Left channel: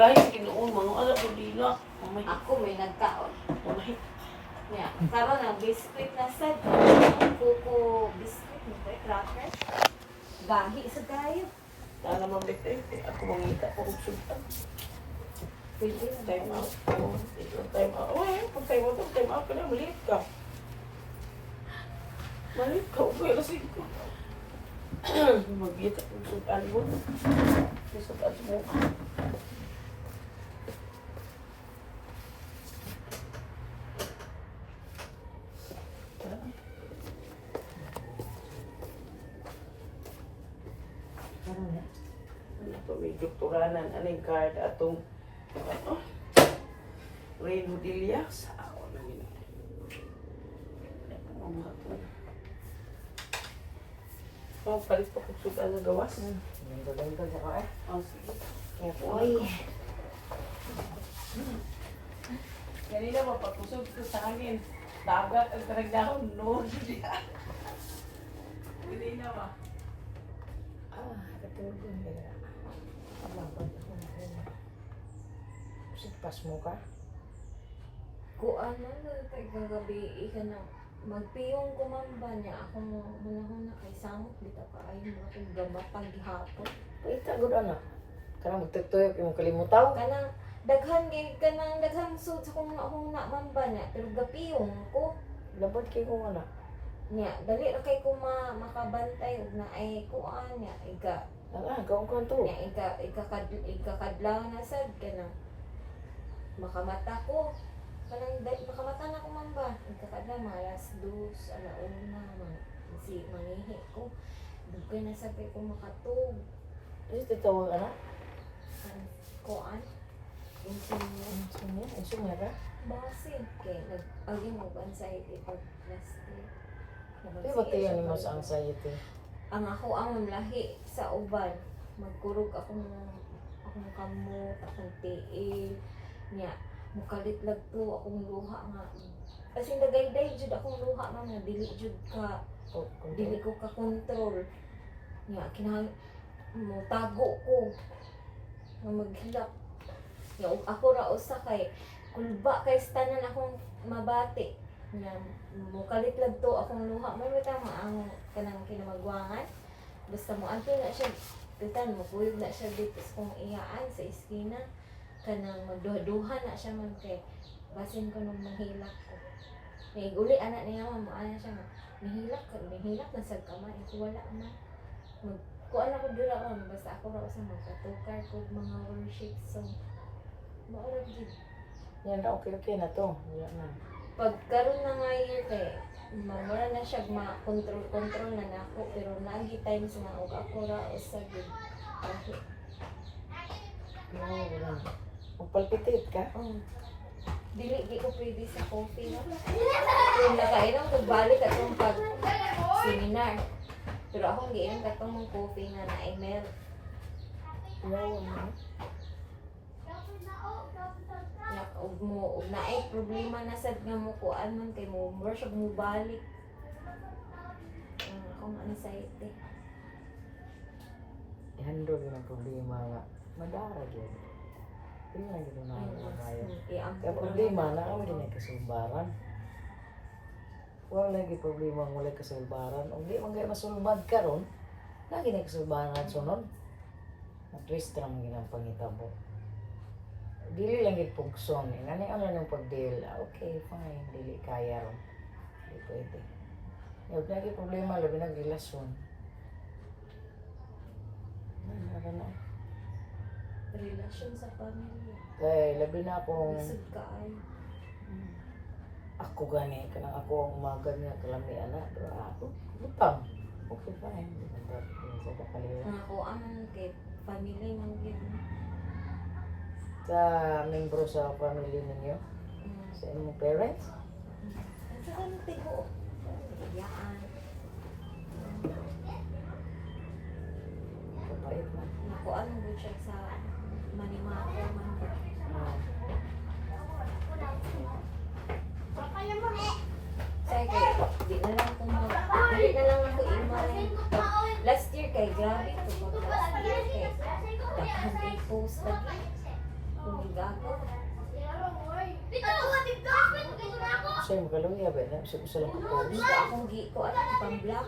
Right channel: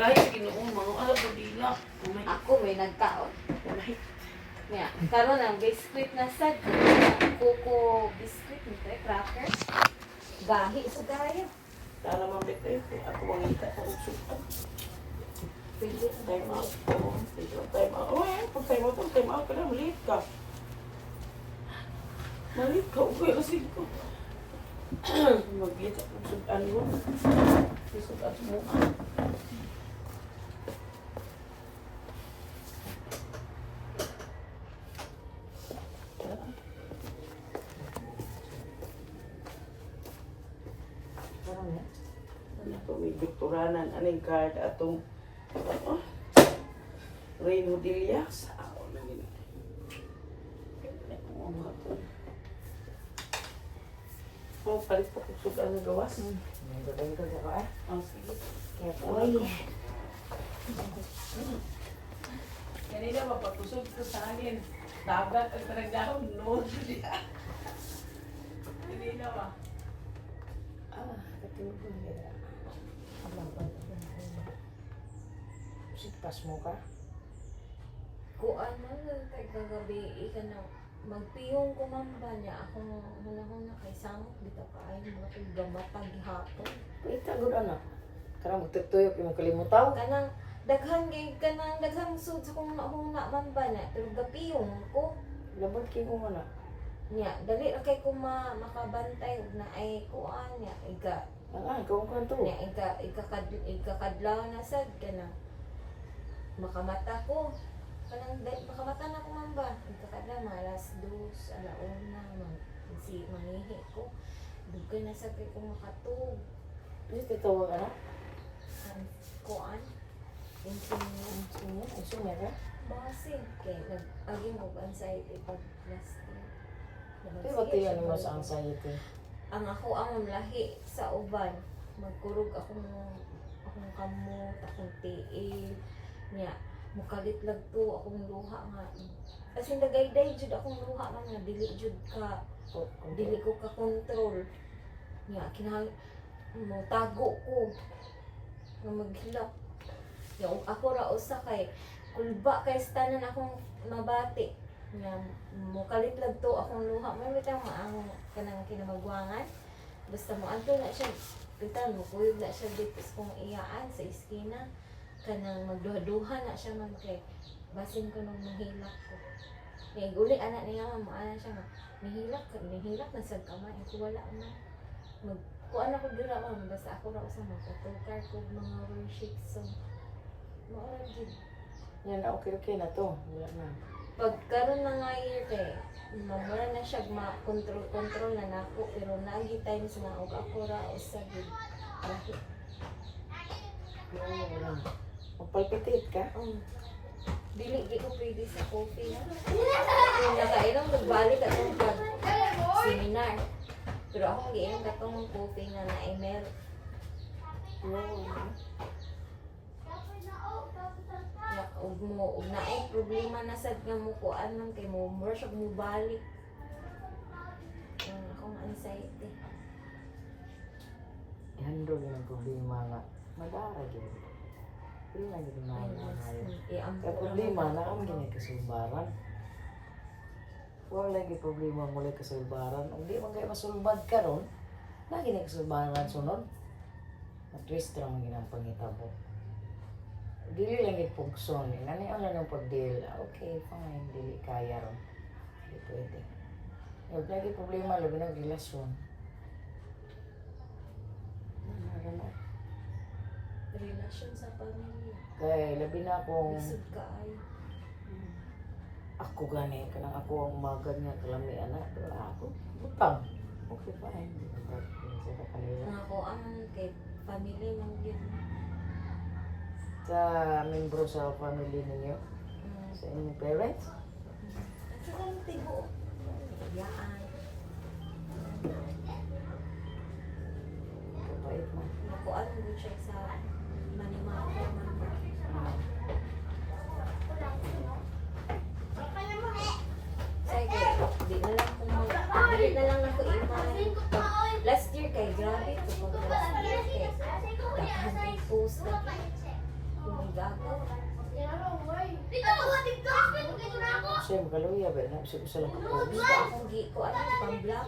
pagahin sa Ginoon, mga alam ko dila. Mamay. Ako may nagkaon. Mamay. Nya, karon ang biscuit na sad. Kuko biscuit nito, cracker. Gahi sa dayo. Lala mo bitay. Ako mangita ko kung sultan. Pwede Time out. Time out. Oh, eh. Pag time out, time out ka na. Maliit ka. Maliit ka. Okay, kasi ko. Magkita kung sultan mo. Sultan sa mukha. Ito may doktoranan. Anong card atong Rain Hodilias. Ako na yun. Oh, palit po kung sugal na gawas. Dagdag ka ka eh. Oh, sige. Uy. Kanina ba, pagkusog ko sa hangin. Dagat ang karagdahon. No, kanina ba? Katulog ko nila. Abang pa ako na rin. Pas mo ka? Kuan man kagabi ika na magpiyong kumamba niya ako muna kay samot dito kaayo mga kay gamatag gihapon. Kita gud ana. Karang magtutuyok imong kalimutaw. Kanang daghang sud sa kung akong man ba niya pero gapiyong ko Labad kay ko ana. niya dali ra kay ko makabantay ug na ay kuan niya iga Ang kung kanto. niya iga kadlaw na sad kanang makamata ko. Kanang makamata na ko man ba? Ikakadlaw mga alas 2, alauna, si mangihi ko. Bugay na sa kay ko makatug. Dito tawag ana. Kuan. Insinyo. Sunya ka. Basi. Kay nag-agi mo ba sa ipag plastic. Di ba tiyan ni mo sa anxiety? Ang ako ang mamlahi sa uban. Magkurog akong kamot, akong tiil. Nya, mukalit to akong luha nga. Kasi nagayday jud akong luha nga dili jud ka dili ko ka control. Nya kinahanglan mo tago ko nga maghilak. Nya ako ra usa kay kulba kay tanan akong mabati. Nya mukalit to akong luha. May bitang maang kanang kinamagwangan. Basta mo adto na siya. Bitan mo kuyog na siya dito sa kong iyaan sa iskina. Kanang magduha-duha na siya man kay basin ko nung mahilak ko. Kaya uli anak niya maana siya nga nahilak na sa kamay. Wala na. Kuan ako dira man basta ako ra sa magpatukar ko mga worship song. Maura gid. Yan na okay na to. Wala na. Pagkaroon na nga yun kay mamura na siya ma-control na nako pero lagi times na og ako ra usa gid. Wala na. Magpalpitit ka? Oh. Di ko pwede sa coffee na. Kung nakainom, nagbalik atong pag-seminar. Pero akong giinom katong mong coffee nga na ML. Yawa na. Ug na problema na sad nga mo kuan man kay mo worship mo balik. Akong anxiety. I-handle yun ang problema nga. Madara yun. Pero na gano'n na ngayon. Kaya problema na ang ginagkasulbaran. Wala lagi problema ang wala kasulbaran. Kung di man kayo masulbad ka ron, na ginagkasulbaran sunod. Matwist lang ginang pangitabo. Dili lang yung pugson. Nani ang lang yung pag-deal. Okay, fine. Dili kaya ron. Hindi pwede. Huwag lagi problema, labi ng relasyon. Nara na. Relasyon sa pamilya. Kaya labi na akong... Isod ka ay. Ako gani, kanang ako ang umaga niya, kalamian na. Pero ako, butang. Okay, fine. Sa kakaliwa. Ang ako ang kay pamilya man gid. Sa membro sa family ninyo, sa inyong parents, At saka ang tigo. Yaan. kapait na. Nakuan mo gud siya sa manimako man ba. Ah, Sige, di na lang ako imay. Last year kay grabe to last year kay daghang kay post lagi. gago. Siya magaluya ba? Gusto lang kapos. Gusto akong ko, ipang-block.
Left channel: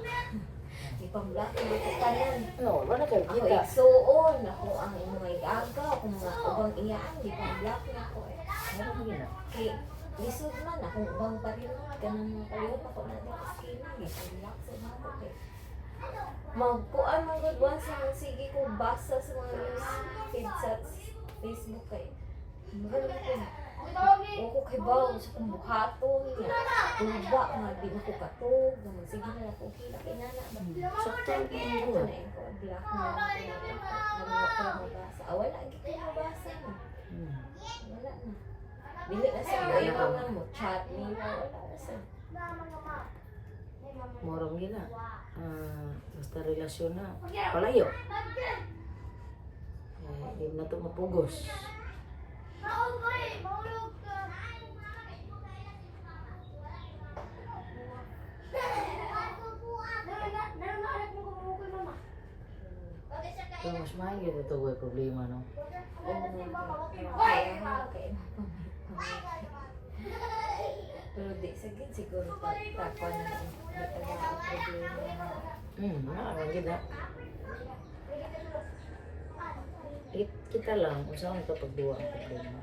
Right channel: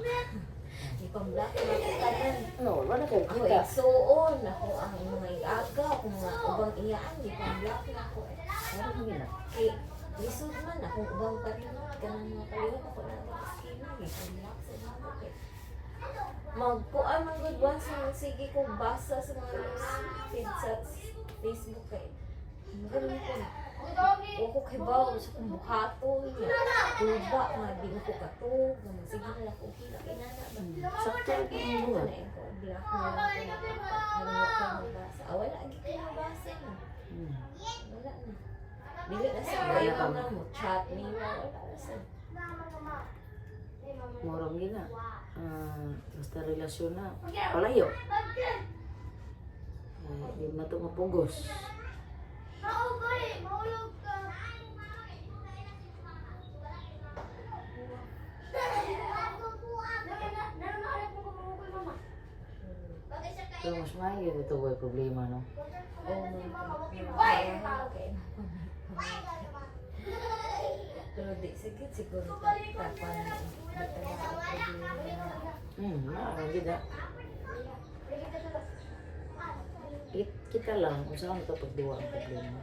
Ipang-block na ko kanon. No, wala kayo Ako kita. igsuon, ako ang mga gaga, ako mga ubang iyaan, ipang-block na ko. Ano mo gina? Kaya, lisod man, akong ubang parin, ganang mga kaliwan ako na nag-skin, ipang-block sa mga ko. Magkuan mga gudwan sa mga sige ko basa sa mga news feed sa Facebook kay. Marami ko. O ko kay bawo sa kong buhaton. Tuba nga, di mo ko katog. Sige na lang ko kila kay nana. Sakto rin yung Ito buhat. na ito. Black na ako. Mabasa. Wala ang gito mabasa na. Wala na. Dili na sa Wala mga ka iba mo. Chat niyo. Wala sa. Morong gina. Basta relasyon na. Palayo. Di na ito mapugos. Pero mas maayos ito may problema, no? Pero di sakit siguro tapan na ito mga problema. Wala gina. Kita lang kung saan ito pagduwa ang problema.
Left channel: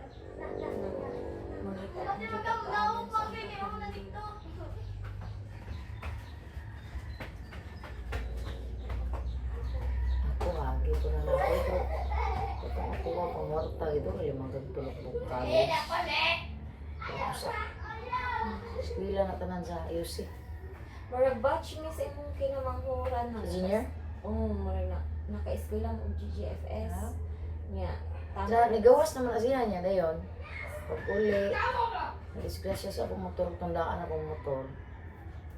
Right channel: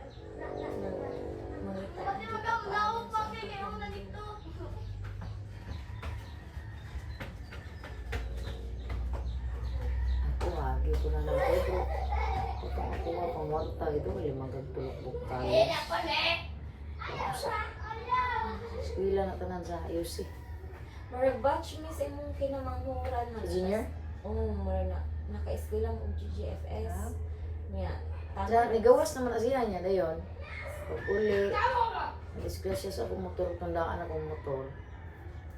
Ako agi ko na ako pero kapag ako nga pangwarta ito, limang gagtulog po college. Pero sa eskwela na tanan sa IUC. Marag batch mi sa imong kinamanghuran na. Junior? Oo, marag na. Naka-eskwela mo og GGFS. Ah. Nya. Sa nigawas naman na siya niya dayon. Pag uli, na-disgrasya sa akong motor, tandaan akong motor.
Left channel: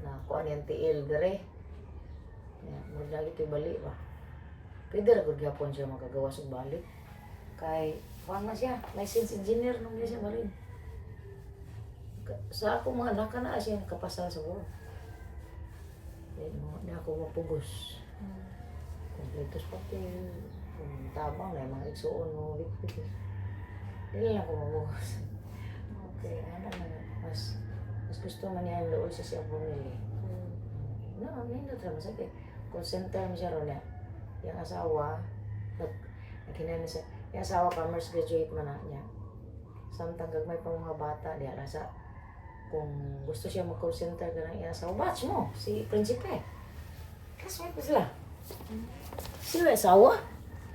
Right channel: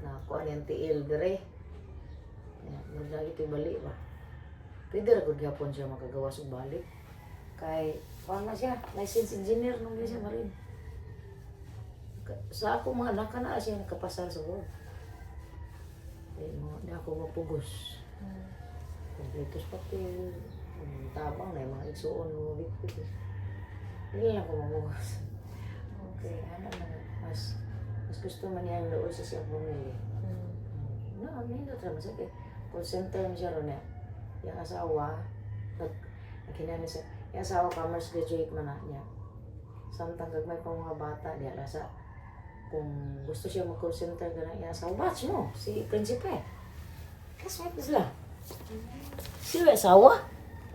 Na kuan yung TL dire. Murag lagi ito'y bali ba? Pwede ra gud gyapon siya makagawas og balik. Kay kuan na siya, licensed engineer nung siya marin. Sa ako mga anak na siya nakapasa sa work. Kaya di ako mapugos. Kompletos papel, tabang na yung mga igsuon mo likpit. Dili lang ko mapugos. Okay, ano na, mas gusto man niya ang doon sa siyang bumili. No, nindot naman sa call center mo siya ron niya. Yung asawa, nagkinana siya, yung asawa commerce graduate man na niya. Samtang gagmay pa mga bata, di alasa, kung gusto siya mag-call center ka ng yung asawa, batch mo, si Prinsipe. Classmate na sila. Sila asawa?